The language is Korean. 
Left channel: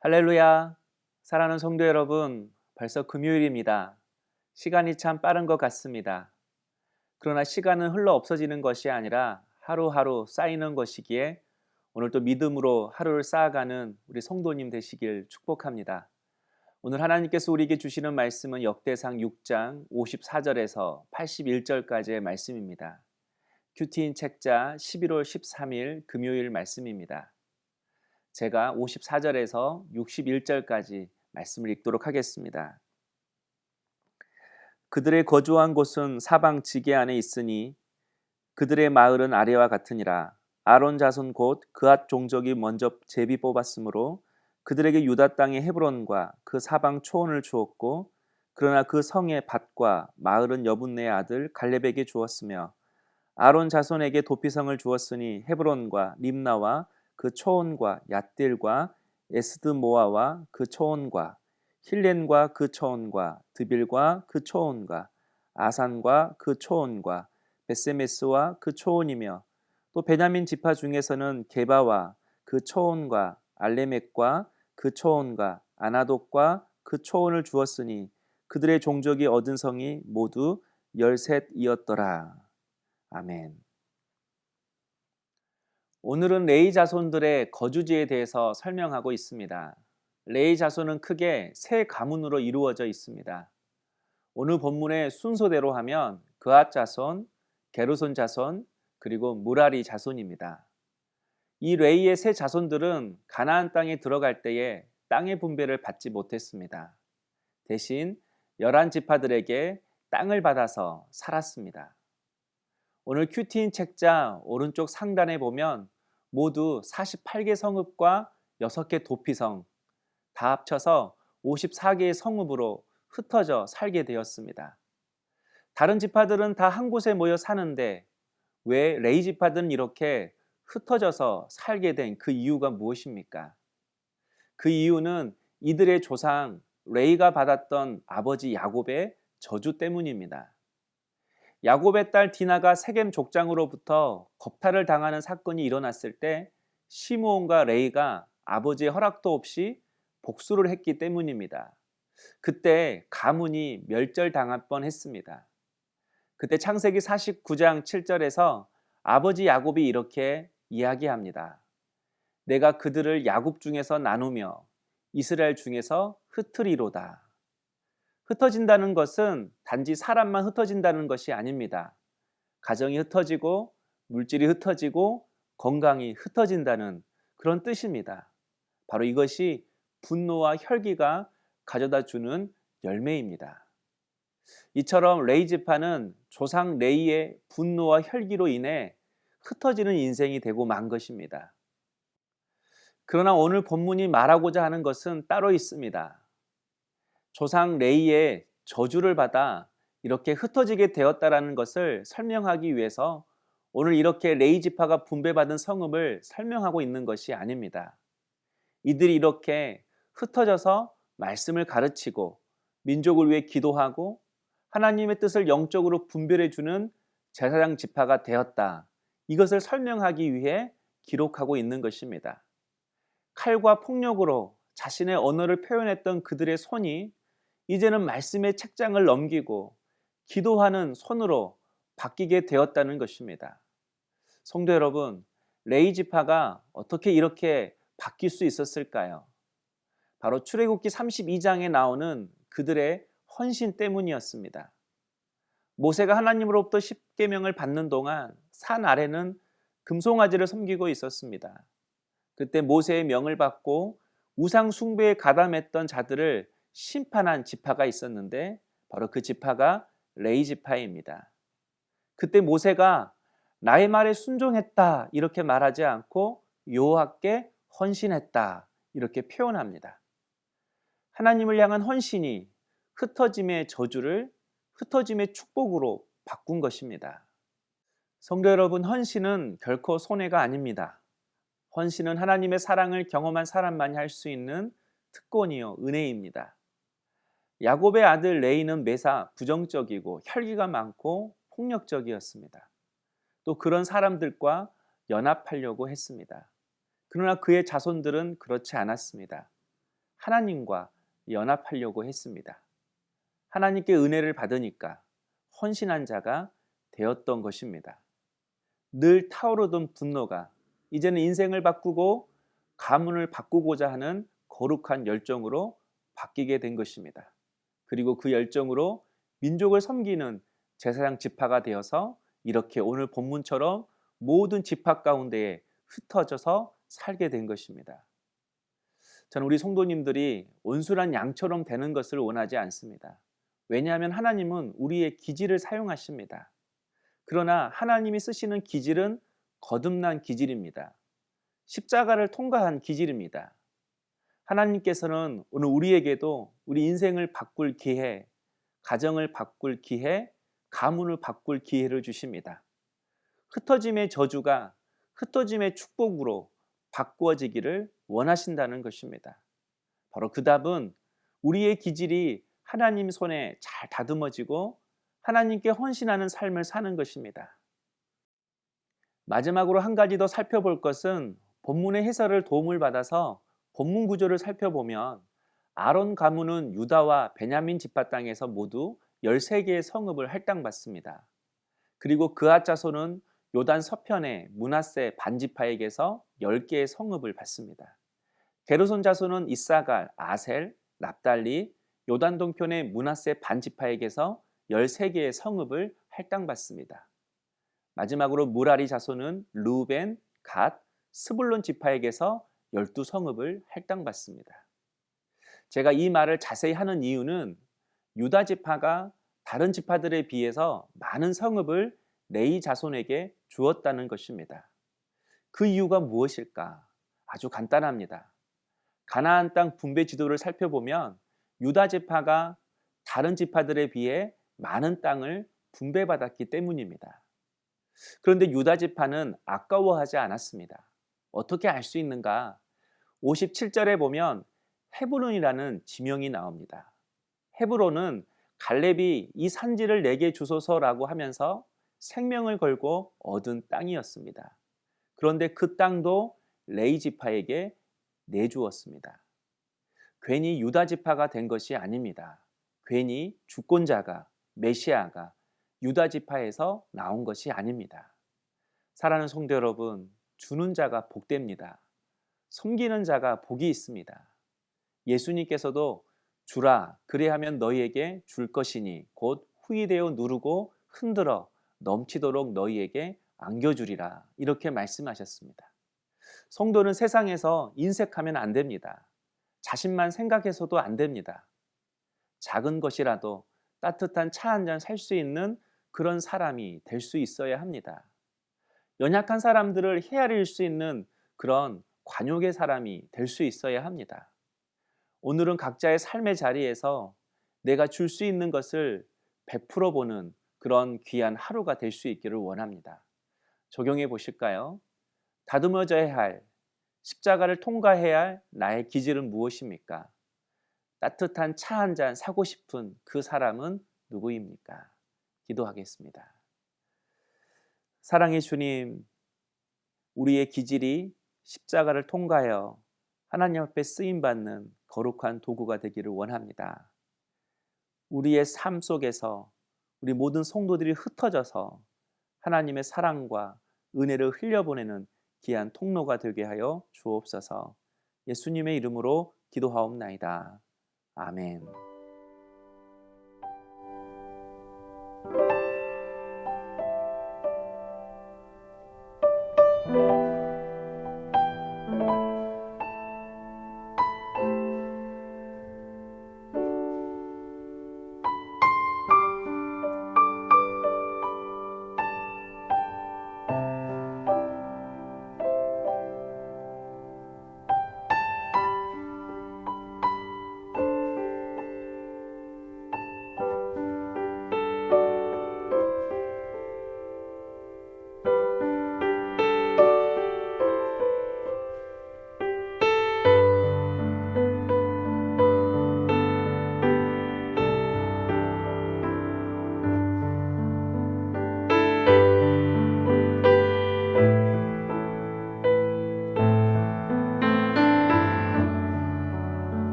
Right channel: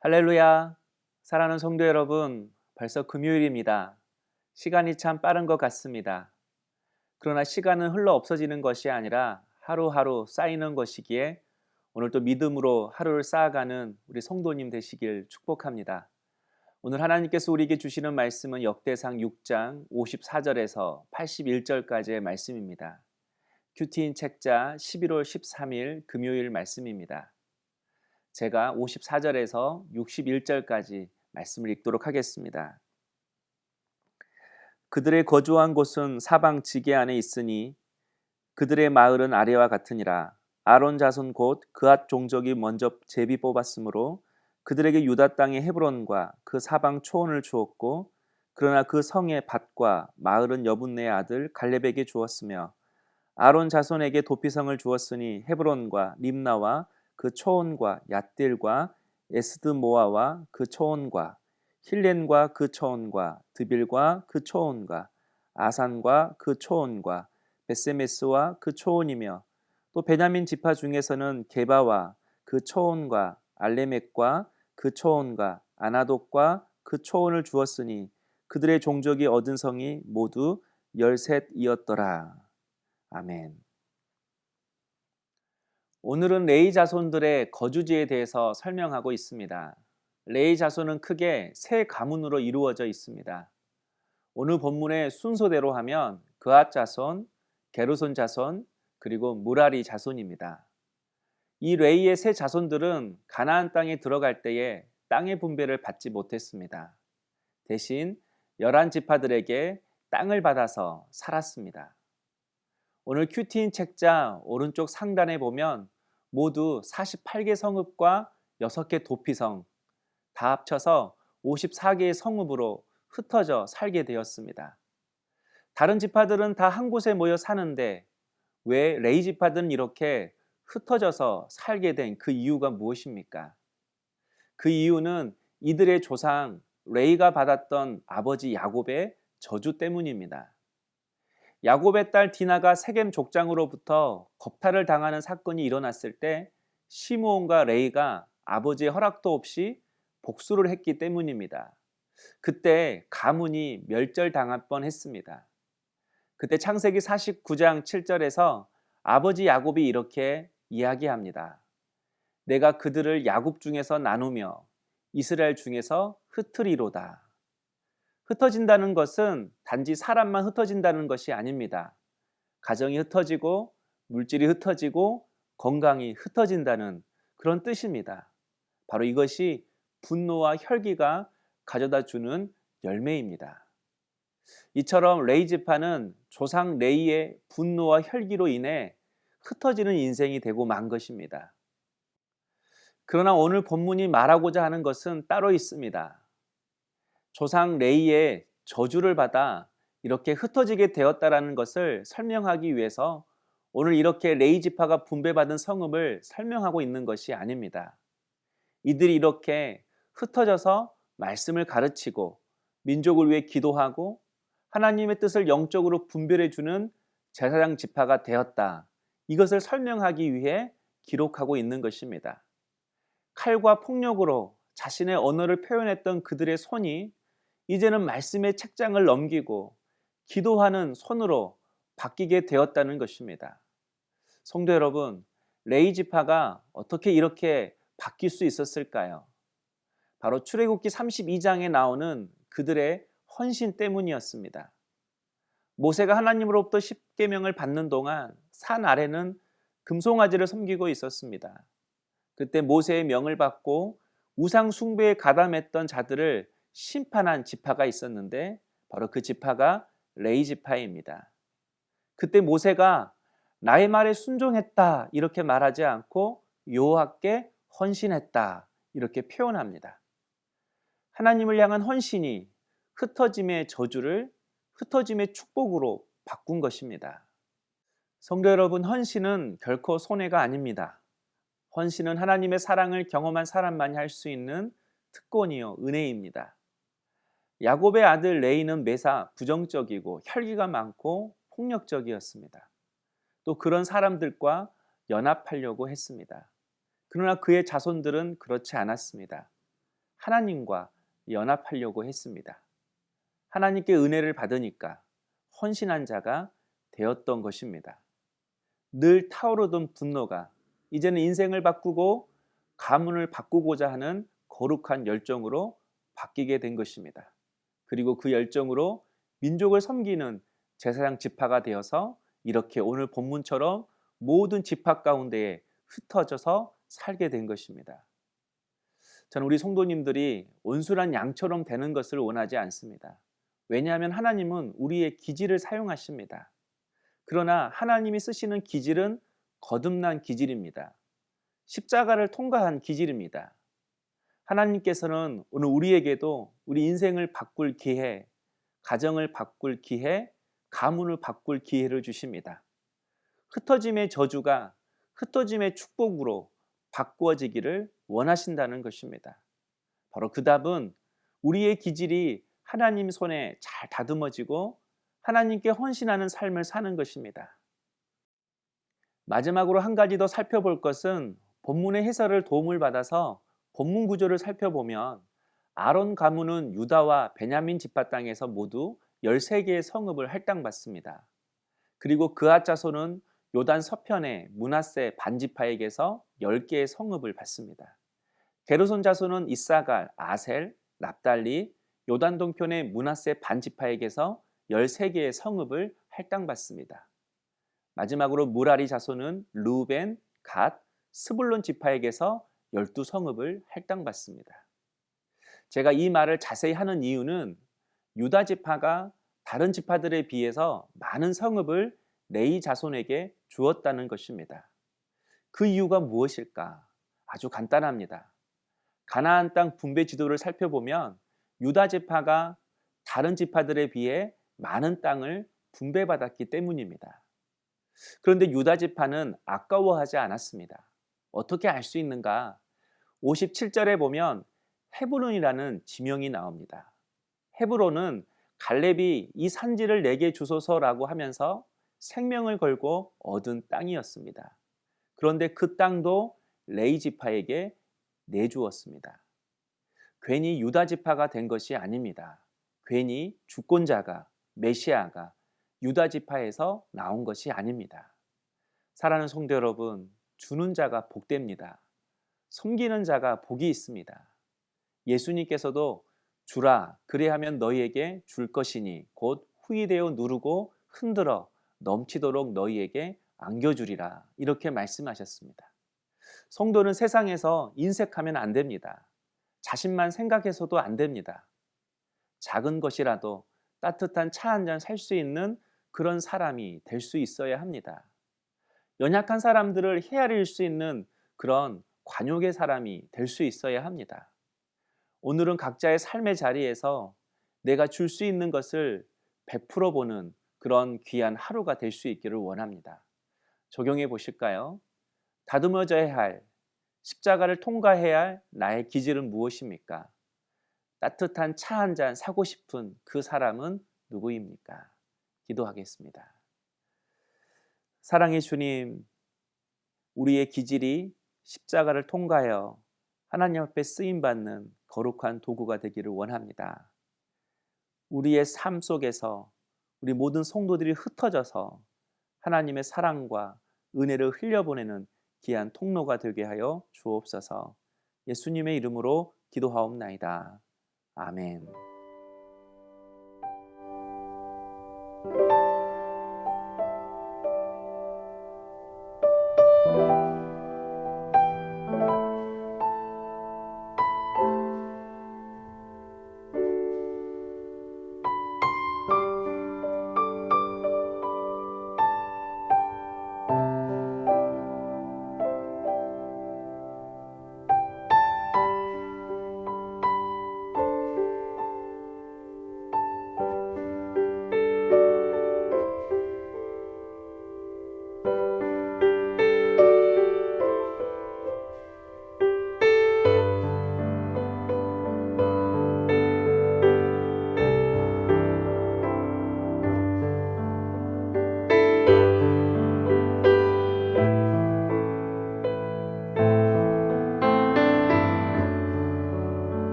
할렐루야! 사랑하는 성도 여러분, 벌써 금요일입니다. 시간이 참 빠른 것 같습니다. 그러나 시간은 흘러 없어지는 것이 아니라 하루하루 쌓이는 것이기에 오늘도 믿음으로 하루를 쌓아가는 우리 성도님 되시길 축복합니다. 오늘 하나님께서 우리에게 주시는 말씀은 역대상 6장 54절에서 81절까지의 말씀입니다. 큐티인 책자 11월 13일 금요일 말씀입니다. 제가 54절에서 61절까지 말씀을 읽도록 하겠습니다. 그들의 거주한 곳은 사방 지게 안에 있으니 그들의 마을은 아래와 같으니라. 아론 자손 곧 그앗 종족이 먼저 제비 뽑았으므로 그들에게 유다 땅의 헤브론과 그 사방 초원을 주었고, 그러나 그 성의 밭과 마을은 여분네의 아들 갈렙에게 주었으며, 아론 자손에게 도피성을 주었으니 헤브론과 림나와 그 초원과 얏딜과 에스드모아와 그 초원과 힐렌과 그 초원과 드빌과 그 초원과 아산과 그 초원과 베세메스와 그 초원이며, 또 베냐민 지파 중에서는 게바와 그 초원과 알레멕과 그 초원과 아나독과 그 초원을 주었으니 그들의 종족이 얻은 성이 모두 13이었더라. 아멘. 오늘은 레위 자손들의 거주지에 대해서 설명하고 있습니다. 레위 자손은 크게 세 가문으로 이루어져 있습니다. 오늘 본문의 순서대로 하면 그앗 자손, 게르손 자손, 그리고 무라리 자손입니다. 이 레위의 세 자손들은 가나안 땅에 들어갈 때에 땅의 분배를 받지 못했습니다. 대신 11지파들에게 땅을 받아서 살았습니다. 오늘 큐티인 책자 오른쪽 상단에 보면 모두 48개 성읍과 6개 도피성, 다 합쳐서 54개의 성읍으로 흩어져 살게 되었습니다. 다른 지파들은 다 한 곳에 모여 사는데 왜 레위 지파들은 이렇게 흩어져서 살게 된 그 이유가 무엇입니까? 그 이유는 이들의 조상 레위가 받았던 아버지 야곱의 저주 때문입니다. 야곱의 딸 디나가 세겜 족장으로부터 겁탈을 당하는 사건이 일어났을 때 시므온과 레위가 아버지의 허락도 없이 복수를 했기 때문입니다. 그때 가문이 멸절당할 뻔했습니다. 그때 창세기 49장 7절에서 아버지 야곱이 이렇게 이야기합니다. 내가 그들을 야곱 중에서 나누며 이스라엘 중에서 흩으리로다. 흩어진다는 것은 단지 사람만 흩어진다는 것이 아닙니다. 가정이 흩어지고 물질이 흩어지고 건강이 흩어진다는 그런 뜻입니다. 바로 이것이 분노와 혈기가 가져다 주는 열매입니다. 이처럼 레위 지파는 조상 레위의 분노와 혈기로 인해 흩어지는 인생이 되고 만 것입니다. 그러나 오늘 본문이 말하고자 하는 것은 따로 있습니다. 조상 레위의 저주를 받아 이렇게 흩어지게 되었다라는 것을 설명하기 위해서 오늘 이렇게 레위 지파가 분배받은 성읍을 설명하고 있는 것이 아닙니다. 이들이 이렇게 흩어져서 말씀을 가르치고 민족을 위해 기도하고 하나님의 뜻을 영적으로 분별해 주는 제사장 지파가 되었다. 이것을 설명하기 위해 기록하고 있는 것입니다. 칼과 폭력으로 자신의 언어를 표현했던 그들의 손이 이제는 말씀의 책장을 넘기고 기도하는 손으로 바뀌게 되었다는 것입니다. 성도 여러분, 레위 지파가 어떻게 이렇게 바뀔 수 있었을까요? 바로 출애굽기 32장에 나오는 그들의 헌신 때문이었습니다. 모세가 하나님으로부터 십계명을 받는 동안 산 아래는 금송아지를 섬기고 있었습니다. 그때 모세의 명을 받고 우상 숭배에 가담했던 자들을 심판한 지파가 있었는데 바로 그 지파가 레위 지파입니다. 그때 모세가 나의 말에 순종했다 이렇게 말하지 않고 여호와께 헌신했다 이렇게 표현합니다. 하나님을 향한 헌신이 흩어짐의 저주를 흩어짐의 축복으로 바꾼 것입니다. 성도 여러분, 헌신은 결코 손해가 아닙니다. 헌신은 하나님의 사랑을 경험한 사람만이 할 수 있는 특권이요 은혜입니다. 야곱의 아들 레위는 매사 부정적이고 혈기가 많고 폭력적이었습니다. 또 그런 사람들과 연합하려고 했습니다. 그러나 그의 자손들은 그렇지 않았습니다. 하나님과 연합하려고 했습니다. 하나님께 은혜를 받으니까 헌신한 자가 되었던 것입니다. 늘 타오르던 분노가 이제는 인생을 바꾸고 가문을 바꾸고자 하는 거룩한 열정으로 바뀌게 된 것입니다. 그리고 그 열정으로 민족을 섬기는 제사장 지파가 되어서 이렇게 오늘 본문처럼 모든 지파 가운데에 흩어져서 살게 된 것입니다. 저는 우리 성도님들이 온순한 양처럼 되는 것을 원하지 않습니다. 왜냐하면 하나님은 우리의 기질을 사용하십니다. 그러나 하나님이 쓰시는 기질은 거듭난 기질입니다. 십자가를 통과한 기질입니다. 하나님께서는 오늘 우리에게도 우리 인생을 바꿀 기회, 가정을 바꿀 기회, 가문을 바꿀 기회를 주십니다. 흩어짐의 저주가 흩어짐의 축복으로 바꾸어지기를 원하신다는 것입니다. 바로 그 답은 우리의 기질이 하나님 손에 잘 다듬어지고 하나님께 헌신하는 삶을 사는 것입니다. 마지막으로 한 가지 더 살펴볼 것은 본문의 해설을 도움을 받아서 본문 구조를 살펴보면 아론 가문은 유다와 베냐민 지파 땅에서 모두 13개의 성읍을 할당받습니다. 그리고 그앗 자손은 요단 서편의 므낫세 반지파에게서 10개의 성읍을 받습니다. 게르손 자손은 이사갈, 아셀, 납달리, 요단 동편의 므낫세 반지파에게서 13개의 성읍을 할당받습니다. 마지막으로 무라리 자손은 르우벤, 갓, 스불론 지파에게서 12성읍을 할당받습니다. 제가 이 말을 자세히 하는 이유는 유다 지파가 다른 지파들에 비해서 많은 성읍을 레위 자손에게 주었다는 것입니다. 그 이유가 무엇일까? 아주 간단합니다. 가나안 땅 분배 지도를 살펴보면 유다 지파가 다른 지파들에 비해 많은 땅을 분배받았기 때문입니다. 그런데 유다 지파는 아까워하지 않았습니다. 어떻게 알 수 있는가? 57절에 보면 헤브론이라는 지명이 나옵니다. 헤브론은 갈렙이 이 산지를 내게 주소서라고 하면서 생명을 걸고 얻은 땅이었습니다. 그런데 그 땅도 레위 지파에게 내주었습니다. 괜히 유다 지파가 된 것이 아닙니다. 괜히 주권자가, 메시아가 유다 지파에서 나온 것이 아닙니다. 사랑하는 성도 여러분, 주는 자가 복됩니다. 섬기는 자가 복이 있습니다. 예수님께서도 주라 그리하면 너희에게 줄 것이니 곧 후히되어 누르고 흔들어 넘치도록 너희에게 안겨주리라 이렇게 말씀하셨습니다. 성도는 세상에서 인색하면 안 됩니다. 자신만 생각해서도 안 됩니다. 작은 것이라도 따뜻한 차 한 잔 살 수 있는 그런 사람이 될 수 있어야 합니다. 연약한 사람들을 헤아릴 수 있는 그런 관용의 사람이 될 수 있어야 합니다. 오늘은 각자의 삶의 자리에서 내가 줄 수 있는 것을 베풀어 보는 그런 귀한 하루가 될 수 있기를 원합니다. 적용해 보실까요? 다듬어져야 할, 십자가를 통과해야 할 나의 기질은 무엇입니까? 따뜻한 차 한 잔 사고 싶은 그 사람은 누구입니까? 기도하겠습니다. 사랑의 주님, 우리의 기질이 십자가를 통과하여 하나님 앞에 쓰임받는 거룩한 도구가 되기를 원합니다. 우리의 삶 속에서 우리 모든 성도들이 흩어져서 하나님의 사랑과 은혜를 흘려보내는 귀한 통로가 되게 하여 주옵소서. 예수님의 이름으로 기도하옵나이다. 아멘.